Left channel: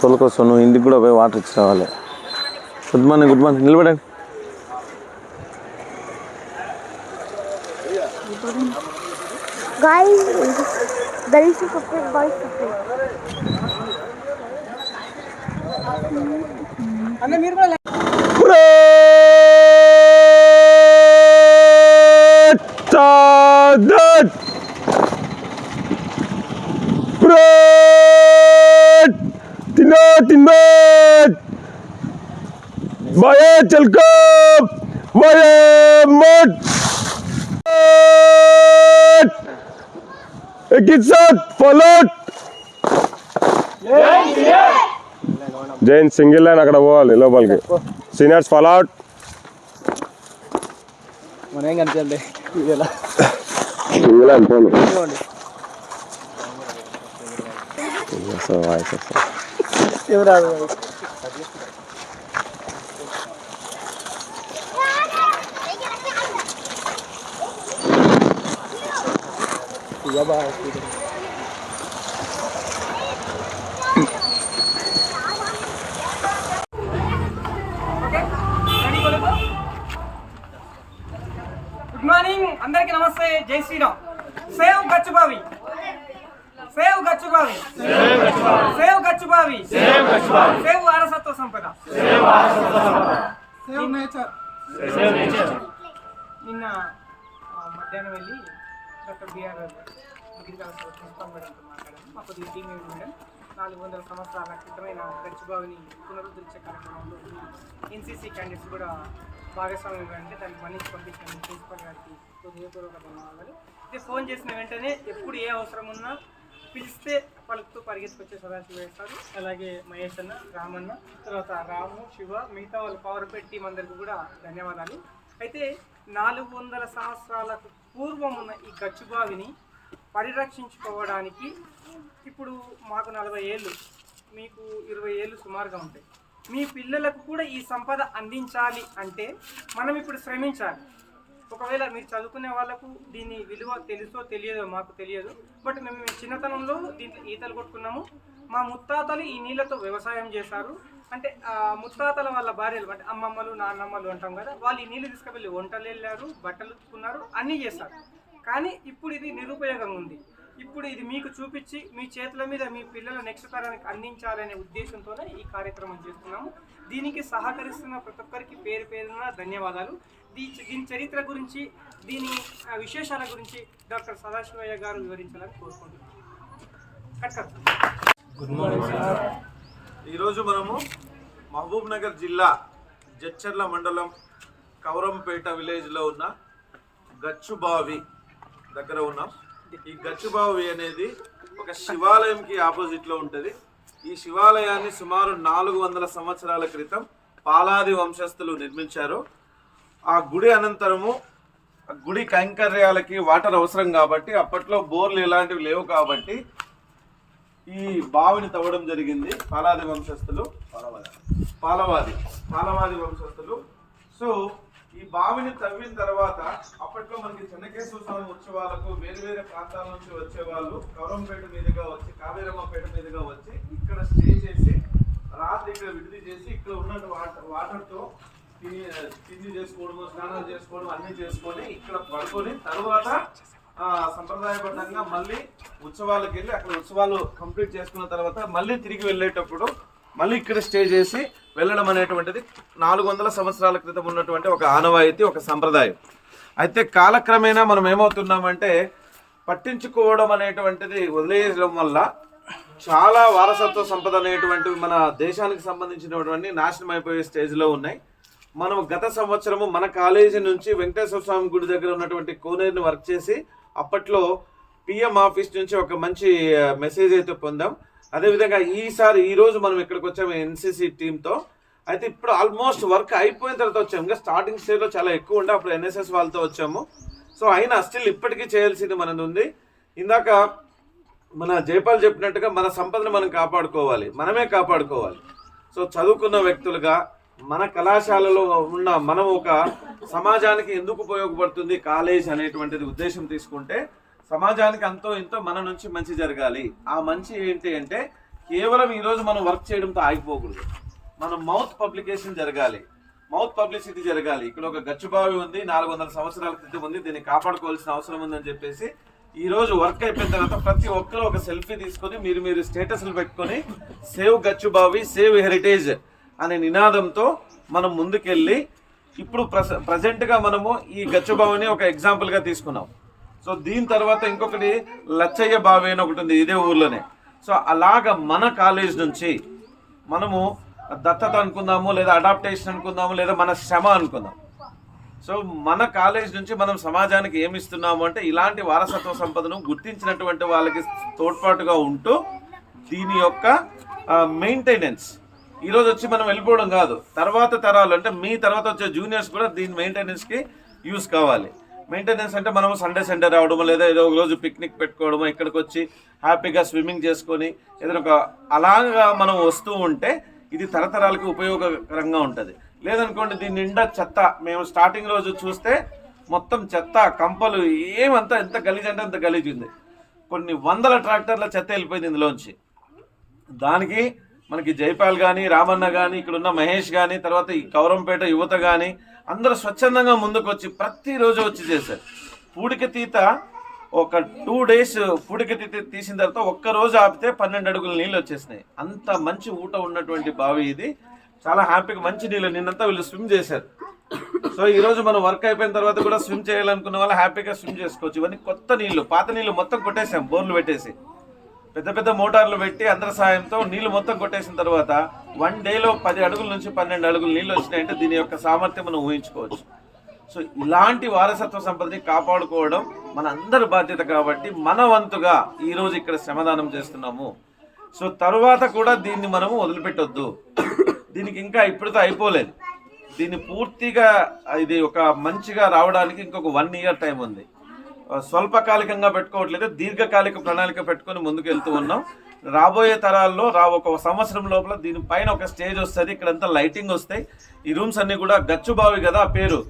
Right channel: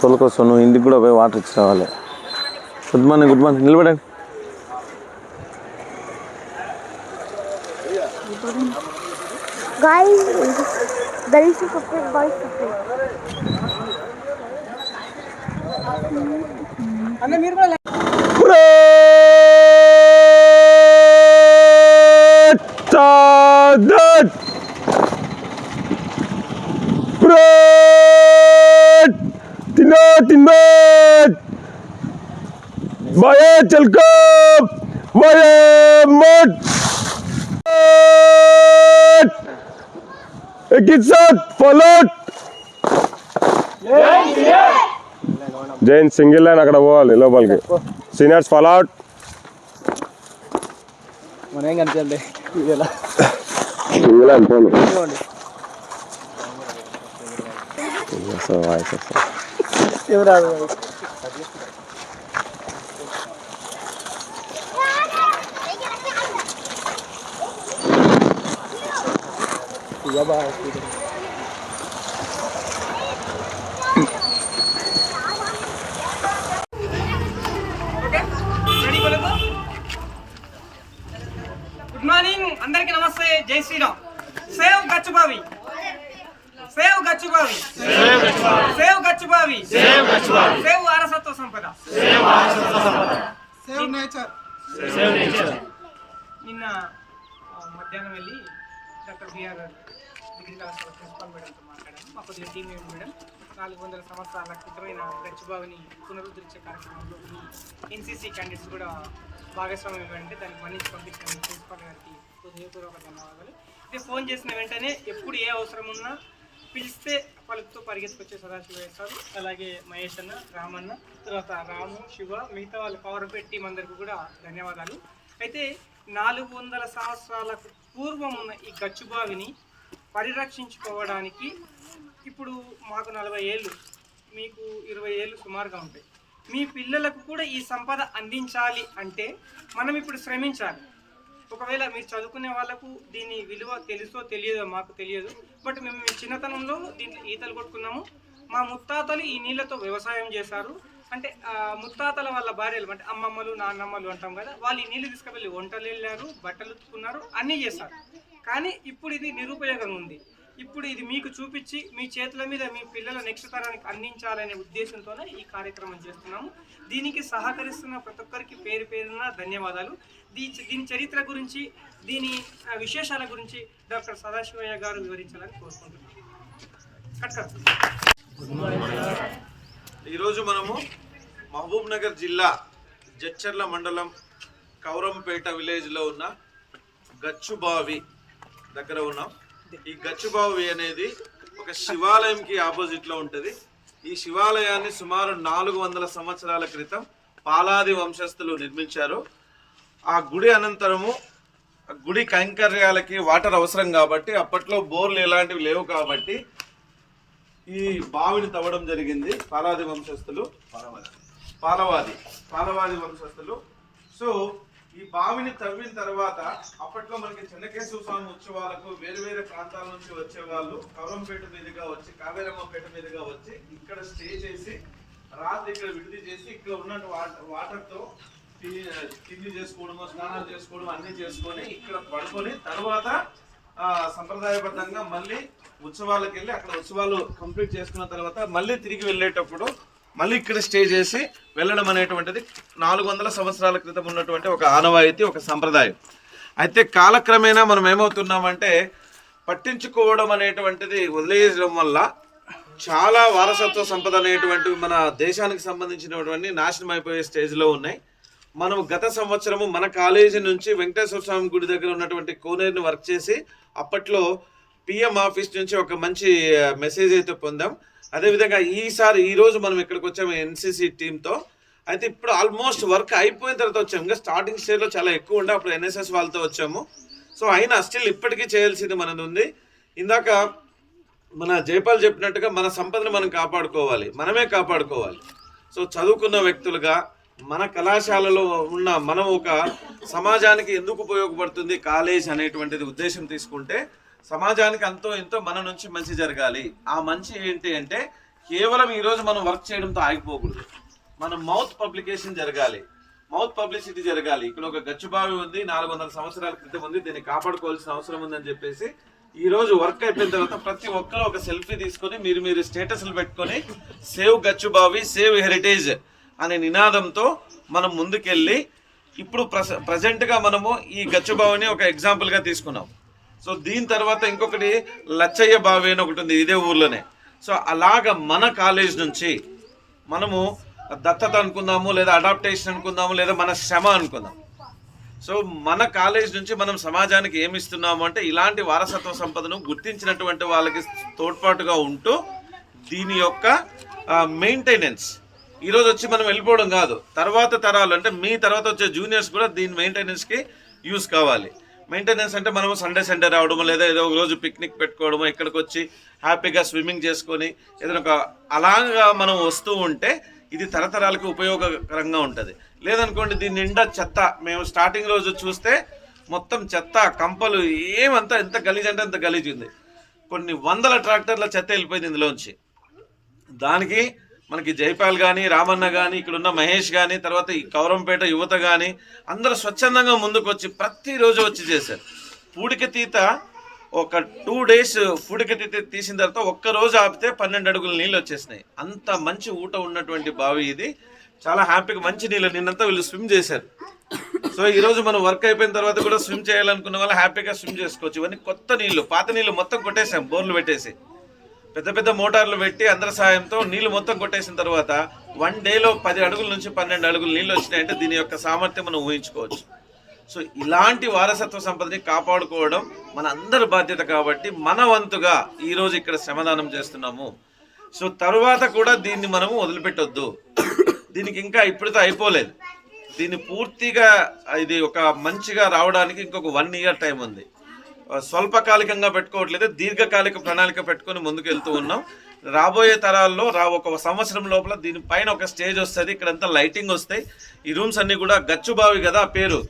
తోలుకొస్తావు నువ్వు, ఇంటికి కూడా పోయి వాటర్ ఇచ్చి రావాలి. గుడ్ మార్నింగ్ నిలబడండి. Guys, girls separate, boys separate. అన్న మీరు కూడా Baye chalko baye mot एक साथ फॉलोट जैन सिंगल लाइन అక్కడ పోవాలి లోపలికి. సీనియర్స్ ఫాలోట్. మనం ఏం కనిపించలే ఇలా సింగిల్ లైన్ పోను. సో వాయిస్ ఎవరా గుడ్ మార్నింగ్ అందరికి నమస్తే. జై Shri Ram. Save Gachubavi, save Gachubavi, save Gachubavi, save వారసత్వ సంపద, సేవ్ నేచర్. నిన్న మధ్యాహ్నం వెళ్ళి డాక్టర్ బిఆర్ డిగ్రీ కళాశాల ప్రిన్సిపాల్ మేడంతో మాట్లాడాను. మా కొద్దిగా టీం మేడం 400 సంవత్సరాల క్రితమైన గచ్చిబావిని పునరుద్ధరించే కార్యక్రమంలో ఈ ఎన్సీసీ క్యాండిడేట్స్ కూడా భాగస్వామ్యం ఇవ్వండి. దానికి మన్నించి పంపించిన ప్రిన్సిపాల్ గారికి హృదయపూర్వక ధన్యవాదాలు. ఇదే ఫోన్ చేసిన వెంటనే ఎప్పుడు ఏ అవసరం ఉన్నా పిలిస్తే పలుకుతూ పరిగెత్తుకొచ్చే సదాశివ సార్, అలాగే మహేష్ అన్న, రామన్న, తర్వాత రాము, శివ, మిగతా వాళ్ళు పవర్ టీం అందరికీ కూడా ధన్యవాదాలు. అయితే 400 సంవత్సరాలకు పూర్వం ఉన్న ఈ గచ్చుబావిని పరిరక్షించుకోవడానికి ఇప్పుడు మాకు 40 ఏళ్ళు, మీకు 20 ఏళ్ళు సుమారుగా ఉంటాయి. మీ పిల్లలకు కూడా ఈ సంపద అందించాలి అంటే మనం ఇప్పుడు శ్రమించాలి. ఒకవేళ మీరు చదువుకునే వాళ్ళకు దీని విలువ తెలుసో తెలియదో మాకు తెలియదు. బట్ మేము చిన్నతనంలో దీంట్లో ఈతలు కొట్టుకున్నాము. మా ముత్తాతలు ఈ నీళ్ళతో వ్యవసాయం చేశారు. అంటే ముత్తాతల వాళ్ళ భార్యలు అంటే అమ్మమ్మలు, నాన్నమ్మలు అంటాం కదా, వాళ్ళు ఈ నీళ్ళు తీసుకువెళ్ళి వంటలు వెళ్ళారు, బట్టలు ఉతుకున్నారు, అన్నీ చేశారు. కానీ ఇప్పుడు ఇది నిరుపయోగంగా ఉంది. ఇప్పుడు ఇది మీకు చూపించి మీ చేతుల మీద మీ పిల్లల నెక్స్ట్ తరానికి అందించాలనే ఉద్దేశంతోనే ఈ కార్యక్రమం చేస్తున్నాము. దీనికి సహకరిస్తున్న ప్రతి ఒక్కరికి పేరు పేరున ధన్యవాదాలు. దీని చరిత్ర గురించి, దీని విశేషాల గురించి డాక్టర్ సదాశివయ్య గారు వివరించాలని కోరుకుంటున్నాను. ఈరోజు మనము మహబూబ్ నగర్ జిల్లా జడ్చర్ల మండలం కౌరంపేట విలేజ్లో ఉన్న గచ్చుబావి దగ్గర ఉన్నాం. ఈ గచ్చుబావి అనేది ఒక శివాలయంకి ఆపోజిట్లో ఉంటుంది. ఈ శివాలయాన్ని సుమారు 400 సంవత్సరాల క్రితం పాలాది వంశస్థులు నిర్మించారు. ఆ గుడి అనంతరము గుడి కైంకర్యాలకి వాటర్ అవసరం కాబట్టి, అప్పట్లో బోర్లు ఎలాంటివి లేవు కాబట్టి ఈ బావిని తవ్వడం జరిగింది. పాలాది వంశస్థులు, పాలవాది వంశస్థులు. సో ఈ బావిని తవ్విన తర్వాత అప్పట్లో మనకి చెన్నకేశ్వర స్వామి ఉత్సవాలకు వేరే వేరే ప్రాంతాల నుంచి వచ్చే వాళ్ళు కౌరంపేట మీదుగా వచ్చి, కావేరమ్మపేట మీదుగా వచ్చి ఇక్కడ స్టే చేసి రాత్రి ఇక్కడ విడిది చేసి ఇక్కడ ఉన్న వాటర్తో తిండి చేసుకోవడము, స్నానాలు చేసుకోవడం అన్ని చేసుకొని ఇక్కడ పడుకొని తర్వాత సంప్రదాయబద్ధంగా మళ్ళీ ఉత్సవాలకు వెళ్ళి అక్కడ ఉత్సవాలు కంప్లీట్ చేసుకున్న తర్వాత మళ్ళీ తిరిగి వెళ్ళేటప్పుడు మళ్ళీ ఇక్కడ స్టే చేసి వెళ్ళడం అనేటువంటిది 400 సంవత్సరాల క్రితం ఉన్నటువంటి ఒక ఆనవాయితీ, ఒక సంప్రదాయం. అయితే కాలక్రమేణా మనం ఏమవుతున్నామంటే పట్టించుకోవడం అనేటువంటిది వదిలేయడం వల్ల చాలా వారసత్వ సంపద అనేటువంటివి మన దేశానికి సంబంధించినటువంటి నాశనం అయిపోయే స్టేజ్లో ఉన్నాయి. మనం గత సంవత్సరము మన కాలేజీ నుంచి వెంకటేశ్వర స్వామి గుడి దగ్గర ఉన్నటువంటి కోనేరుని వర్క్ చేసి అప్పట్లో పిఎం ఆఫీస్ నుంచి ఒక మంచి మెసేజ్ అయితే పొందాం. అదేవిధంగా ఈరోజు మనం ఇక్కడికి వచ్చాము ఎన్సీసీ టీంతో. అయితే ఇప్పుడు ఆల్మోస్ట్ వర్క్ అయిపోయిన తర్వాత వచ్చాము. ఇంకా స్టార్టింగ్ స్టేజ్లో చాలా ఎక్కువ ఉండే, అప్పుడు ఎన్ఎస్ఎస్ వాళ్ళతో వచ్చాము. సో అయినా స్టిల్ ఇప్పటికీ చేయాల్సింది మనది ఉంది. ఇందాక మన జయపాల్ చెప్పినట్టుగా మన సంపదను మనం కాపాడుకోవాలి, మనమే కాపాడుకోవాలి. సో చదువుకున్న వ్యక్తులుగా మన కళాశాలలో ఉన్న మనం ఒక సమాజానికి ఎందుకు ఉపయోగపడుతుంది కాలేజ్ అనేటువంటిది ఉద్దేశం తీసుకుంటే సమాజానికి అంతో ఇంతో మన నుంచి మంచి జరగాలి. ఆ మంచి ఏంటి అంటే కేవలం ఈరోజు మనం వర్క్ చేయడంతో ఆగిపోకూడదు. మనం మౌత్ పబ్లికేషన్ జరగాలి, మౌత్ పబ్లిసిటీ జరగాలి. ఇక్కడ ఒక గచ్చుబావి ఉంది, 400 సంవత్సరాల క్రితం ఉంది, దీన్ని కాపాడుకోవాల్సిన అవసరం ఉందని చెప్పేసి ఈ రోజు వర్క్ అయిపోయిన తర్వాత ప్రతి ఒక్కరు ఒక సెల్ఫీ తీసుకొని మీరు స్టేటస్లు పెట్టుకొని సేవ్ గచ్చుబావి, సేవ్ హెరిటేజ్ అనే నినాదంతో మనం ముందుకెళ్ళి ఇప్పుడు ప్రజెంట్గా మనము ఈ గచ్చుబావిని ఒక ఎగ్జాంపుల్గా తీసుకున్నాం. సో దీని తర్వాత ఇంకొకటి లచ్చయ్య బావి అని ఒకటి ఉంది ఇదే ఊర్లోనే. సో అలాగ మన కాలేజ్ నుంచి మనము దత్తత అనుకుందాము, లేదా అడాప్టేషన్ అనుకుందాము, లేదా మన శ్రమ అనుకుందాం. సో మన కాలేజ్ నుంచి మనం సమాజానికి ఏమి ఇస్తున్నాము అంటే ఇలాంటి వారసత్వ సంపదను గుర్తించినటువంటి వాళ్ళకి తోడ్పాటుగా ఉంటూ దీని యొక్క మెయింటెనెన్స్ ఈరోజు వచ్చి మనం వెళ్ళిపోవడం కాదు, తర్వాత తరాలు అంటే మీ తర్వాత వచ్చే జూనియర్స్ కూడా దీని మెయింటెనెన్స్కి యూజ్ కావాలి. మెయింటెనెన్స్ అంటే మనం సండే రావడము, లేదా ఏదో ఒక రోజు పిక్నిక్ పెట్టుకోవడము, ఇక్కడికి వచ్చి హ్యాపీగా స్విమ్మింగ్ చేసుకొని ఏదైనా ఒక అలాగా మనం వస్తూ ఉంటే ఇది తరతరాలకు ఉపయోగకరంగా ఉంటుంది. లేదనుకోండి దీని నిండా చెత్త, మేము స్టార్టింగ్ రోజు చూస్తే మొత్తం చెత్త కంపలు ఏమంతా ఎంత గలీజ్ అంటే అంత గలీజ్ ఉంది. కొన్ని వందల ట్రాక్టర్ల చెత్త వెళ్ళిపోయింది ఇందులోంచి. దానికి మనకి జైపాల్ కానీ, రామన్న కానీ, ఇక్కడ ఉన్న మహేష్ కానీ, తర్వాత ఈ కౌరంపేట యువత కానీ అందరూ స్వచ్ఛందంగా ముందుకు వచ్చి ప్రతిరోజు వచ్చి చేశారు. పూడిక తీత ఒక 2 days పూడిక తీత తీసిన తర్వాత ఒక్కరోజు ఆపితే 12 అడుగుల నీళ్ళు వచ్చేసినాయి. అంత మంచి ఊట ఉన్నటువంటి బావి ఇది. చాలా హ్యాపీగా మంచి నీళ్ళు నిన్నంతా వీళ్ళు స్విమ్ చేశారు. సో ఈరోజు మనం వర్క్ అయిపోయిన తర్వాత కూడా స్విమ్ చేయాలనుకున్న వాళ్ళు హ్యాపీగా స్విమ్ చేసుకోవచ్చు. ఇవన్నీ కొత్త నీళ్ళు, పాత నీళ్ళు మొత్తం కొట్టేసాం, బోర్లు పెట్టేసి పెద్ద పెద్ద మోటార్లు పెట్టి అందరి సాయంతో నీళ్లు మొత్తం కొట్టేసిన తర్వాత 1 dayలో 10 అడుగుల నుంచి 12 అడుగులు నీళ్ళు వచ్చినాయంటే దీని యొక్క సామర్థ్యం మనం ఊహించుకోవచ్చు. సో ఇలాంటి వారసత్వ సంపదని కాపాడుకోవడం మన అందరి బాధ్యత కాబట్టి మన వంతుగా ఈరోజు ఇక్కడ శ్రమదానం చేస్తున్నాము. సో తర్వాత కూడా దీన్ని మనము వదిలిపెట్టొద్దు. దీనికి ఇంకా ఇప్పటితో అయిపోలేదు. దీన్ని పూర్తిగా ఇది ఒక మంచిగా రావడానికి ఇంకొక 1 year టైం ఉంది. స్వల్పకాలికంగా పెట్టుకోవట్లేదు, దీర్ఘకాలిక ప్రణాళిక పెట్టుకొని ముందుకు వెళ్తూ ఉన్నాం. రాబోయే తరాల్లో ఒక సంవత్సరం లోపల దీనిపైన ఒక స్టేజ్ వస్తుంది, ఇక్కడంతా లైటింగ్ వస్తాయి. ఈ రూమ్స్ అన్నీ కూడా గచ్చుబావి కదా పేరు.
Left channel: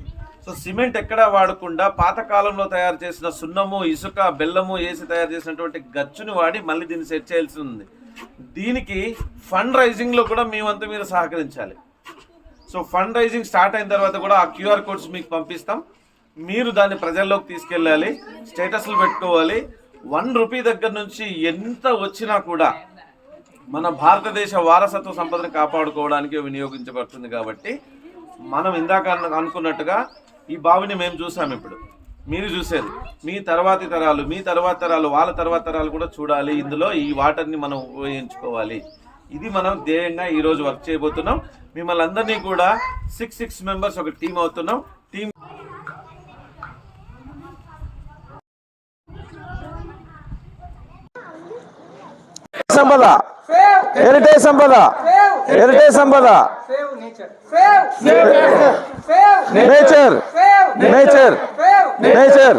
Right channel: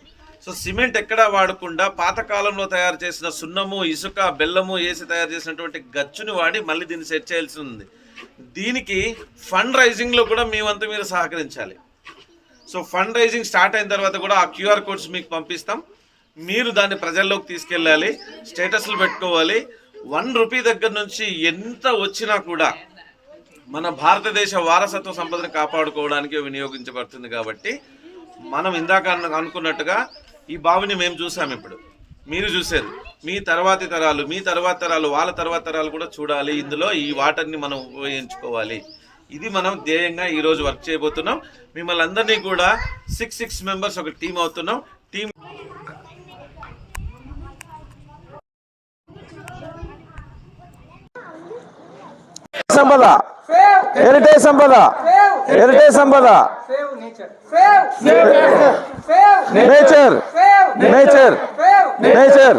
సో సిమెంట్ ఎక్కడా వాడకుండా పాతకాలంలో తయారు చేసిన సున్నము, ఇసుక, బెల్లము వేసి తయారు చేసినటువంటి గచ్చుని వాడి మళ్ళీ దీన్ని సెట్ చేయాల్సి ఉంది. దీనికి ఫండ్ రైజింగ్లో కూడా మేమంతా మీరు సహకరించాలి. సో ఫండ్ రైజింగ్ స్టార్ట్ అయిన తర్వాత కూడా ఆ QR codes మీకు పంపిస్తాం. మీరు దాన్ని ప్రజల్లోకి తీసుకెళ్ళాలి, స్టేటస్లు పెట్టుకోవాలి. 1 రూపీ దగ్గర నుంచి ఎంత వచ్చినా కూడా మన భారతదేశ వారసత్వ సంపదను కాపాడుకోవడానికి వినియోగించబడుతుంది. కాబట్టి మనం ఇందాక అనుకున్నట్టుగా ఈ బావిని మేము చూసాం, ఇప్పుడు మీరు చూశారు. మీ తర్వాతి తరాలు వాళ్ళ తర్వాత తరాలు కూడా చూడాలి. ఇందులో ఈ వాటర్ని మనం ఉపయోగించుకోవాలి. ఇది మనం ధ్యేయంగా ఈరోజు వర్క్ చేయబోతున్నాం. మిమ్మల్ని అందరినీ కూడా 6 members ఒక టీం అవుతున్నాం. టీం సంపద, హెరిటేజ్ సంపద, హెరిటేజ్ సంపద, నేచర్, నేచర్, నేచర్.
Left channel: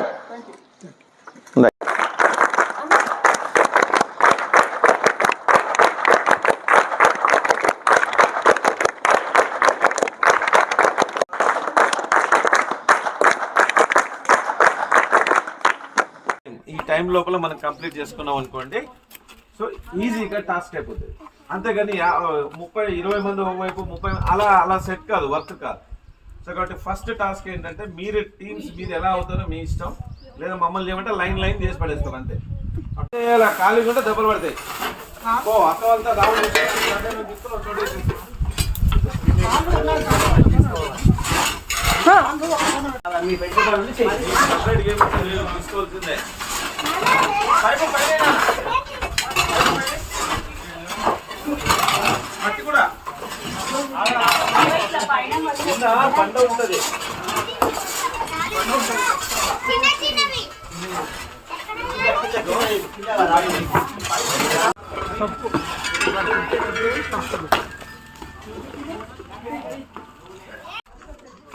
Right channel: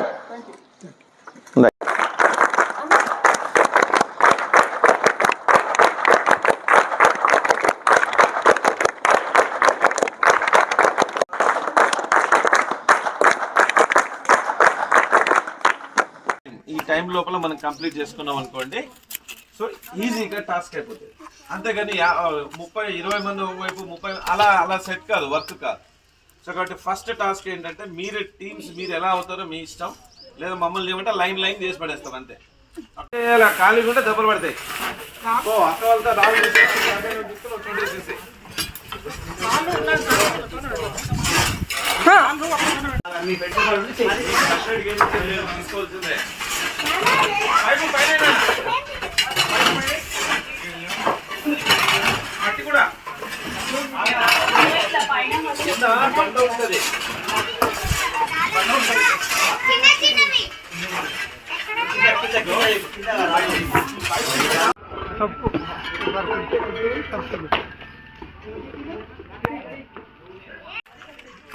ఈ టైం లోపల మనం కంప్లీట్ చేసుకున్నాం అనుకోండి, సో ఈజీగా టాస్క్ అయిపోతుంది. అంతేగాని 30-20 మంది ఒకవైపు 30 అలా సెట్ కాదు, వర్క్ కాదు. సో కాబట్టి ఫస్ట్ టాస్క్ ఏంటంటే మీరు టీమ్స్ మీరు ఎలా అవుతారో మీ ఇష్టం. లేదా మమ్మల్ని ఏమంటే లైన్ చేసి పడేస్తాం అంతే. అలా ఖాళీగా ఉంటే దెబ్బలు పడతాయి. అక్క వాళ్ళతో రావు చూడేసేసి తీసుకోవాల్సిందే. మట్టి కూడా పంట ఉంటుంది.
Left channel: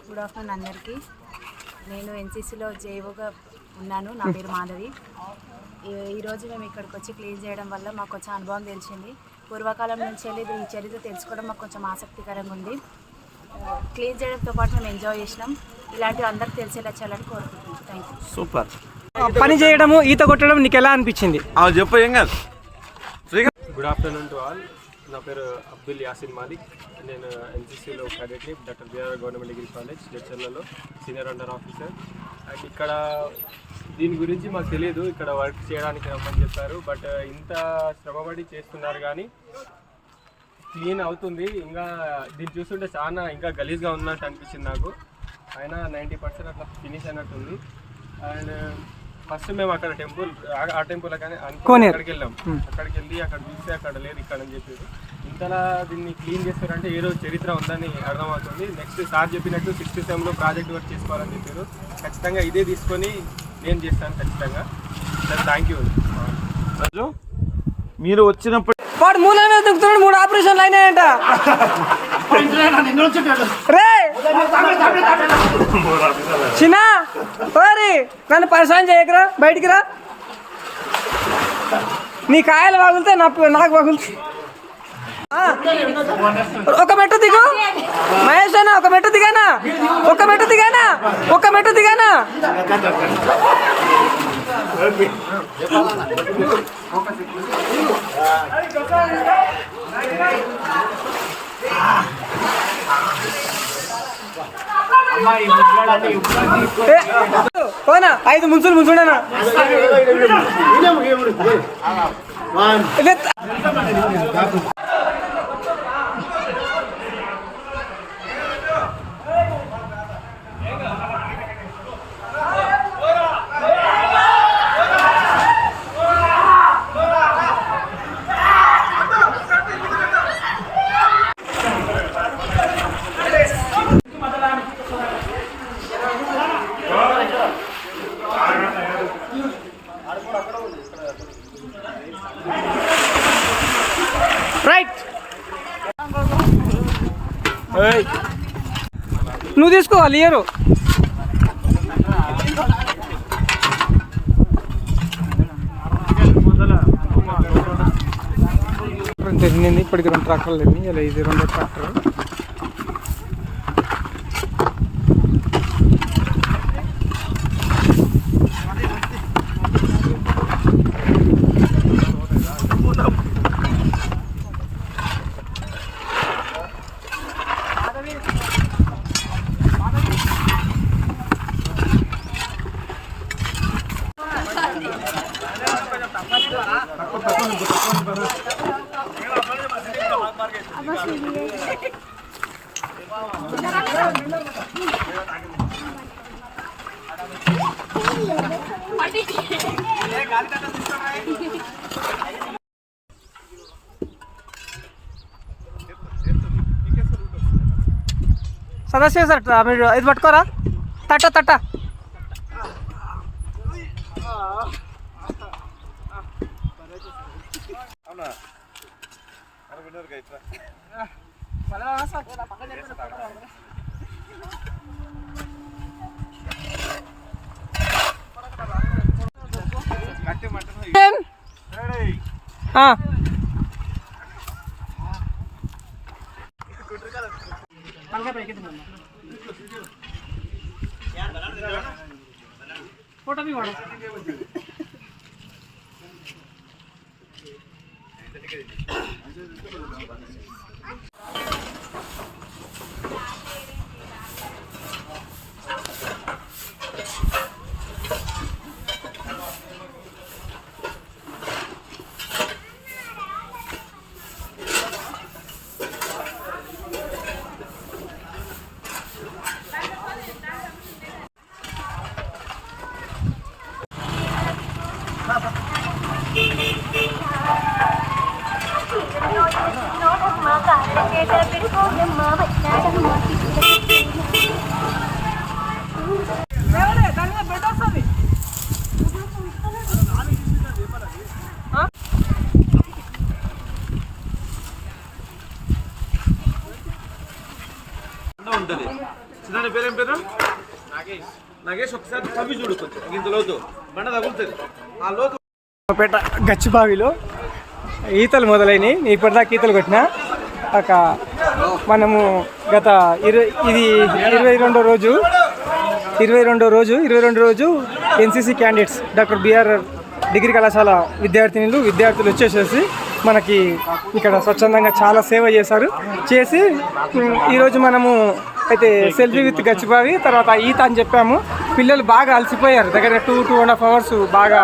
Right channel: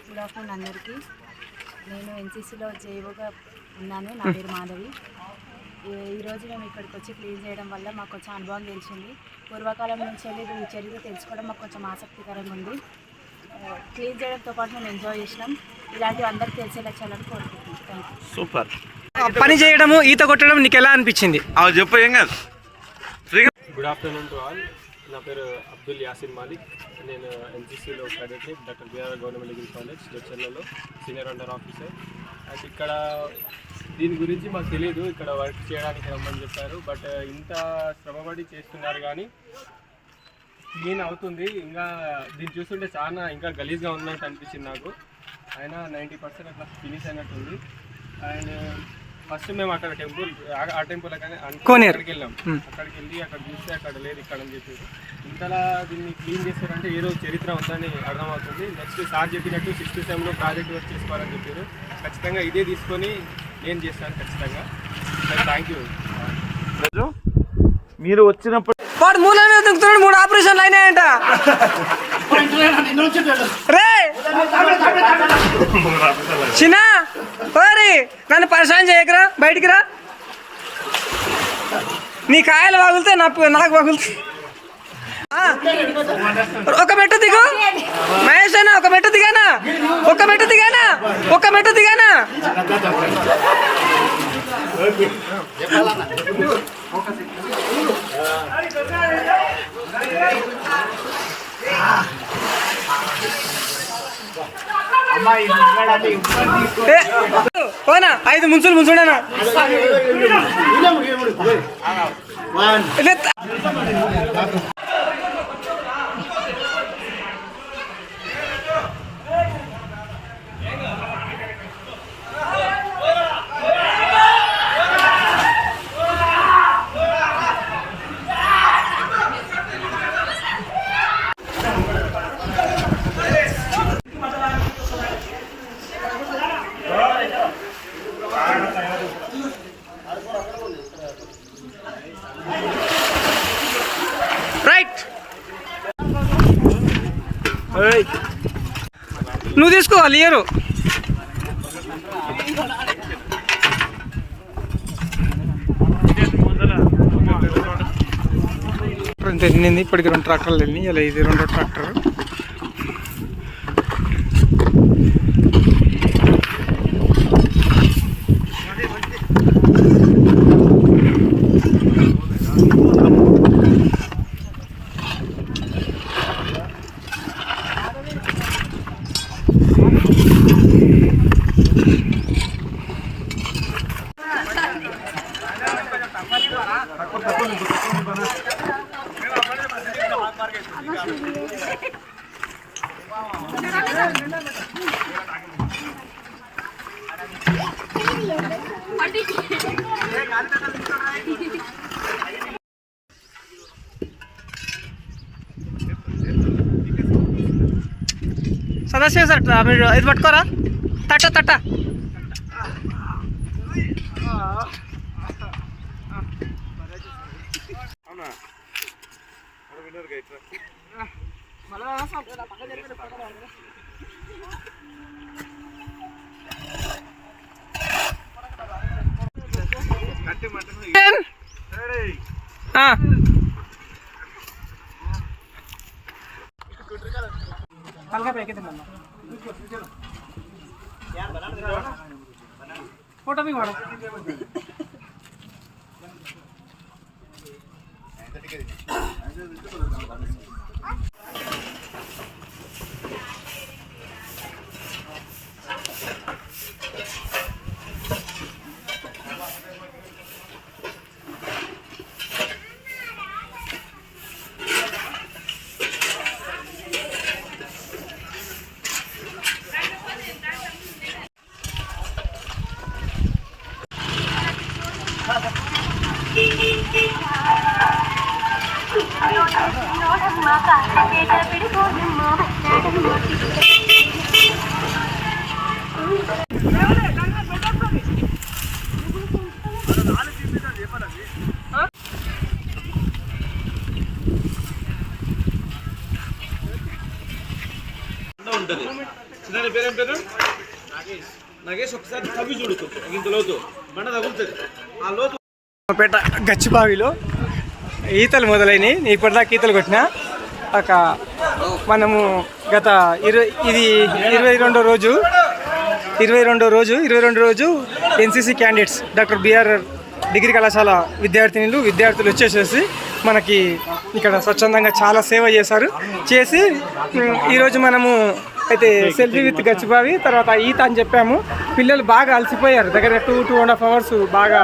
గుడ్ ఆఫ్టర్నూన్ అందరికీ. నేను NCCలో జేఓగా ఉన్నాను. నా పేరు మాధవి. ఈరోజు మేము ఇక్కడికి వచ్చి క్లీన్ చేయడం వల్ల మాకు కొంచెం అనుభవం తెలిసింది. పూర్వకాలం నుంచి వెళ్ళి ఈ చరిత్ర తెలుసుకోవడం మాకు కొంచెం ఆసక్తికరంగా ఉంది. క్లీన్ చేయడంతో పాటు మేము ఎంజాయ్ చేసినాం. ఇలాంటివి అందరికి తెలిసేలా చేయాలని కోరుకుంటున్నాం. Thank you. సూపర్. పని చేయడము, ఈత కొట్టడం నీకు ఎలా అనిపించింది? చెప్పు. ఏం కాదు, ఫ్రీగా గుడ్ ఆఫ్టర్నూన్ టు ఆల్. నా పేరు అబ్దుల్ యాసిన్ మాలిక్. నేను ఎన్సీసీలో క్యాడెట్ని doctor B R government degree college జడ్చర్లలో సీనియర్ అండర్ ఆఫీసర్. అండ్ ఇక్కడ దీని గురించి మాకు తెలియదు, ఇక్కడ వర్క్ చేయడానికి రమ్మని చెప్పారు. బట్ ఇంత శ్రమపడి చేస్తున్నారు కానీ క్లీన్ అవుతుంది. ఇంకా దీన్ని చూస్తుంటే చాలా ఇంకా గలీజ్గా ఉన్నట్టు అనిపించింది నాకు. అయినా 90% అట్లా ఫినిష్ అయినట్టుంది. అండ్ ఫస్ట్ మేము అక్కడ టెంపుల్ ఆ టెంపుల్ అక్కడికి వెళ్ళాం. అక్కడికి వెళ్ళి అక్కడ చూస్తే అక్కడ లేదు ఇక్కడ అని చెప్పారు. ఇంతలా దీన్ని క్లీన్ చేస్తారంటే ఏదో చరిత్ర ఉందని అర్థమవుతుంది. నెక్స్ట్ సార్ చెప్పినట్టు 6th సెమ్లో ప్రాజెక్ట్ వర్క్ చేసుకోవాలని చెప్పారు. ఖచ్చితంగా ఇదే తీసుకొని నేను చేస్తాను ఖచ్చితంగా. Thank you. మీరు వచ్చినప్పుడు వాడు మూలైన దిగుతున్నాడు, 3 ఆపరేషన్లు అయినాయంట. రే చిన్న ఓరి నన్ను పరిశాన్ చేయకరా, బయటికి రా. నీ కాయలు పగులుతే నాకు పగులుతాయి. ఒక మెట్టు దిగు మహేష్ అన్న, ఒక మెట్టు దిగానా, ఒక మెట్టు దిగానా, ఒక మెట్టు దిగానా. పోనా 5 ముంచులు ముంచుడనా. రైట్, నువ్వు తీసుకోవాలి ఇయరు. వెళ్ళింది ఇప్పటికి 2 ట్రాక్టర్లు వెళ్ళినాయి. ఇలా ఇది 2వ ట్రాక్టర్. సదాశివ సార్ మీరు ఇది పట్టుకోరా, తట్ట ఫోటో भी मारो. ఉంటుంది. చిన్న పేరేం పేరు? నాగేష్. ఒకసారి తవ్వి చూడు, కొంచెం ఇంత లోతు బండ తగులుతుంది. ఆ లోతు పేట గచ్చిబావిలో ఈతలు మొదలైనవి. ఇప్పటిదాకా ఈతలు కొట్టినా ఒక మనము గత ఇది 22వ రోజు NCC candidates doctor B R degree కళాశాల విద్యార్థులు వచ్చేసేసి మనకి ఇక్కడ స్వచ్ఛందంగా చాలా సేవ చేసి ఈరోజు మనము అయితే సెల్ఫీ విత్ గచ్చిబావి తర్వాత ఈత అని చెప్పాము. పిల్లలు బాగా అలసిపోయారు, దగ్గర 2.5 hours బాగా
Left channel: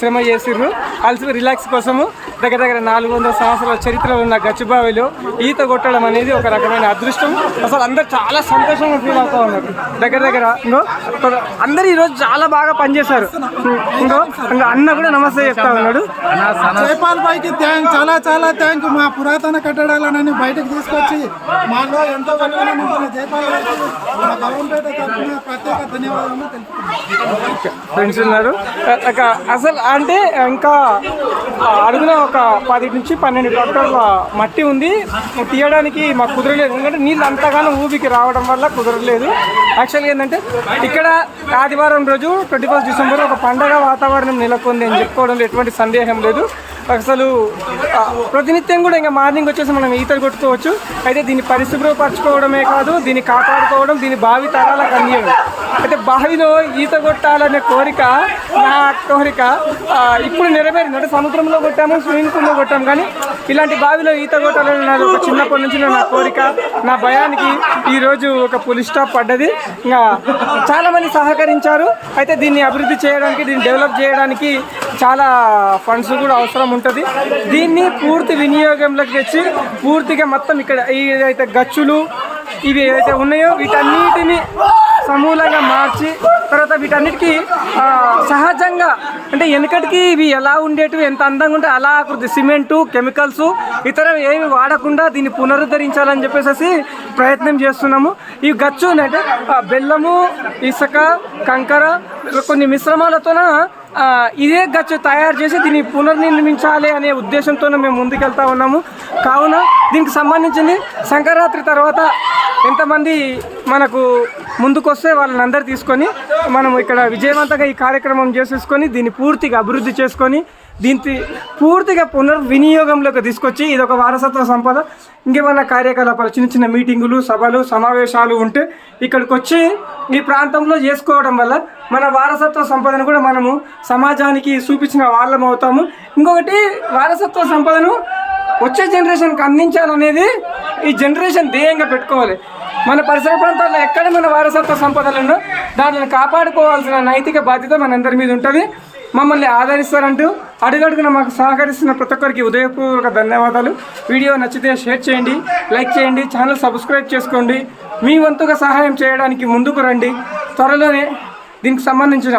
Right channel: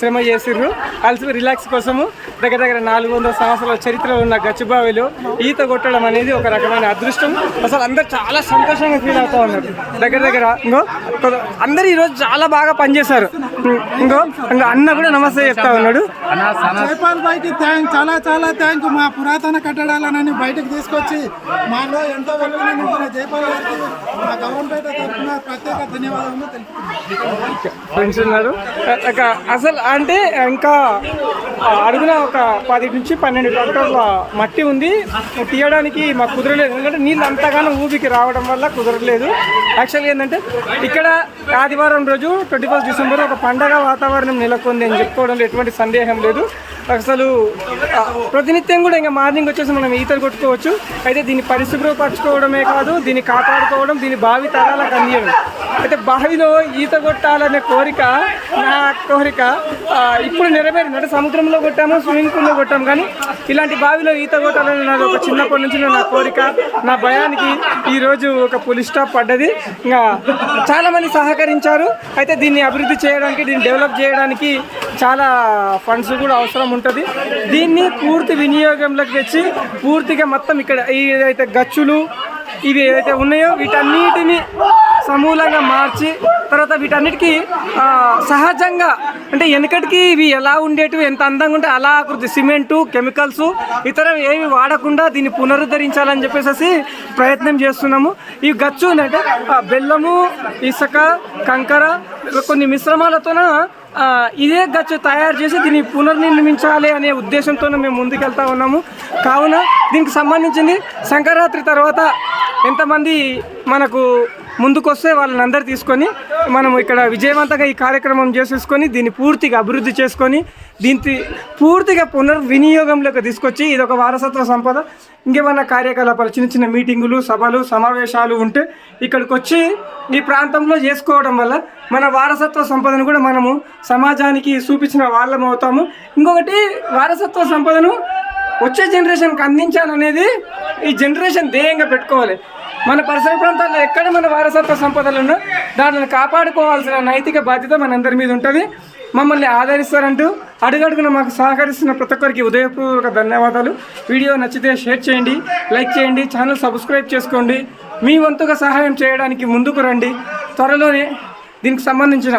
శ్రమ చేసిర్రు. అలసి రిలాక్స్ కోసము దగ్గర 400 సంవత్సరాల చరిత్రలో ఉన్న గచ్చిబావిలో ఈత కొట్టడం అనేది ఒక రకమైన అదృష్టం. అసలు అందరు చాలా సంతోషంగా ఫీల్ అవుతూ ఉన్నారు. దగ్గర ఇంకో అందరు ఈరోజు చాలా బాగా పనిచేశారు. ఇంకో అన్న కూడా నమస్తే చెప్తా ఉన్నాడు. జైపాల్ భాయ్కి చాలా థ్యాంక్. మా పురాతన కట్టడాలని బయటకు తీసుకొచ్చి మాలో ఎంతో వెలుగునింపిన జైపాల్ గారికి మా గౌరంపేట తరఫున ప్రత్యేక ధన్యవాదాలు తెలుపుతున్నాను. ఫ్రెండ్స్ ఉన్నారు అసలు అంటే ఇంకా అడుగున ఒక 10 నుంచి 12 ట్రాక్టర్ల మట్టి ఉంది. తీయడానికి మాకు కుదరలేదు, ఎందుకంటే నీళ్ళు అంతగానో ఊబికి రావడం వల్ల కుదరలేదు. యాక్చువల్గా ఏంటంటే ఇక్కడ ఆదివారం రోజు 21 డిసెంబర్ ఒక పండగ వాతావరణం నెలకొంది అని చెప్పుకోవడంలో ఎటువంటి సందేహం లేదు. అసలు ప్రతినిత్యం కూడా ఇంకా మార్నింగ్ వచ్చేసి మనం ఈతలు కొట్టుకోవచ్చు. అయితే దీన్ని పరిశుభ్రపరచుకోవడమే కాదు, దీన్ని కాపాడుకోవడం, దీన్ని భావి తరాలకు అందించడం. అయితే బావిలో ఈత కొట్టాలనే కోరిక నా కోరిక ఇప్పుడు నెరవేరింది. అంటే సముద్రంలో కొట్టాము, స్విమ్మింగ్ పూల్లో కొట్టాము, కానీ ఇలాంటి బావిలో ఈత కొట్టాలని నాది ఒక చిన్నప్పటి నుంచి నా కోరిక. నా భయానికి ఈరోజు ఒక ఫుల్ స్టాప్ పడ్డది. ఇంకా చాలామంది సహకరించారు. అయితే దీన్ని అభివృద్ధి చేయడానికి, దీన్ని డెవలప్ చేయడానికి చాలా ఫండ్స్ కూడా అవసరం ఉంటుంది. దీన్ని పూర్తి వినియోగంలోకి తెచ్చి పూర్తిగా మొత్తం ఇక్కడ ఏదైతే గచ్చులు ఇవి ఏదైతే ఉన్నాయో వీటన్నిటిని సమూలంగా మార్చి తర్వాత వీటన్నిటికీ సహజంగా అంటే వెనకటికి ఇవి ఎలా ఉండేటివి, ఎంత అందంగా ఉంటే అలా ఆకృతి, సిమెంటు, కెమికల్స్ ఇతర ఏమి వాడకుండా దీన్ని పునరుద్ధరించాలని చెప్పేసి ప్రయత్నం చేస్తున్నాము. ఈ గచ్చు అంటే బెల్లము, ఇసుక, కంకర కొన్ని మిశ్రమాలతోన ఇదే గచ్చు తయారు చేసి దీన్ని పునర్నిర్మించాలి అనే ఉద్దేశంతో మేము ముందుకెళ్తా ఉన్నాము. కావున దీనికి సంబంధించింది సంక్రాంతి తర్వాత ఎంతమంది మనకు ముందుకొస్తే వాళ్ళని అందరు తీసుకొని మనం ఇక్కడ విజయవంతంగా ఈ కార్యక్రమం చేసేసుకొని దీన్ని పూర్తిగా అభివృద్ధి చేసుకొని దీన్ని పూర్తిగా పునర్వినియోగంలోకి తీసుకొచ్చి ఇది ఒక వారసత్వ సంపద. ఇంకేమన్నా కార్యకలాపాలు, చిన్న చిన్న మీటింగులు, సభలు, సమావేశాలు ఉంటే ఇక్కడికి వచ్చి ఈ ప్రాంతంలో చేసుకోవడం వల్ల మన వారసత్వ సంపదను కూడా మనము సమాజానికి చూపించిన వాళ్ళం అవుతాము. ఇంకొకటి వారసత్వ సంపదను వచ్చే జనరేషన్కి అందించాలనేది ఈ జనరేషన్ ధ్యేయంగా పెట్టుకోవాలి. మన పరిసర ప్రాంతాల్లో ఎక్కడ మన వారసత్వ సంపదలను దానిని కాపాడుకోవాల్సిన నైతిక బాధ్యత మనందరి మీద ఉంటుంది. మమ్మల్ని ఆదరిస్తారంటూ అడుగడుగున మాకు సహకరిస్తున్న ప్రతి ఒక్కరికి ఉదయపూర్వక ధన్యవాదాలు. వీడియో నచ్చితే షేర్ చేయండి, లైక్ చేయండి, ఛానల్ సబ్స్క్రైబ్ చేసుకోండి. మీ వంతుగా సహాయం చేయడానికి ముందుకు రండి. త్వరలోనే దీనికి సంబంధించిన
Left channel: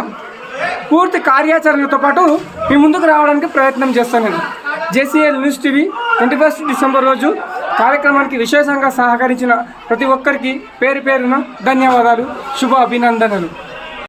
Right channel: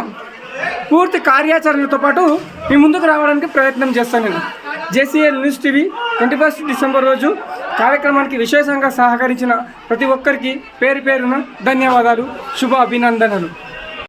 పూర్తి కార్యాచరణతో పాటు మీ ముందుకు రావడానికి ప్రయత్నం చేస్తాను. నేను JCL న్యూస్ టీవీ 21 డిసెంబర్ రోజు కార్యక్రమానికి విశేషంగా సహకరించిన ప్రతి ఒక్కరికి పేరు పేరున ధన్యవాదాలు, శుభ అభినందనలు.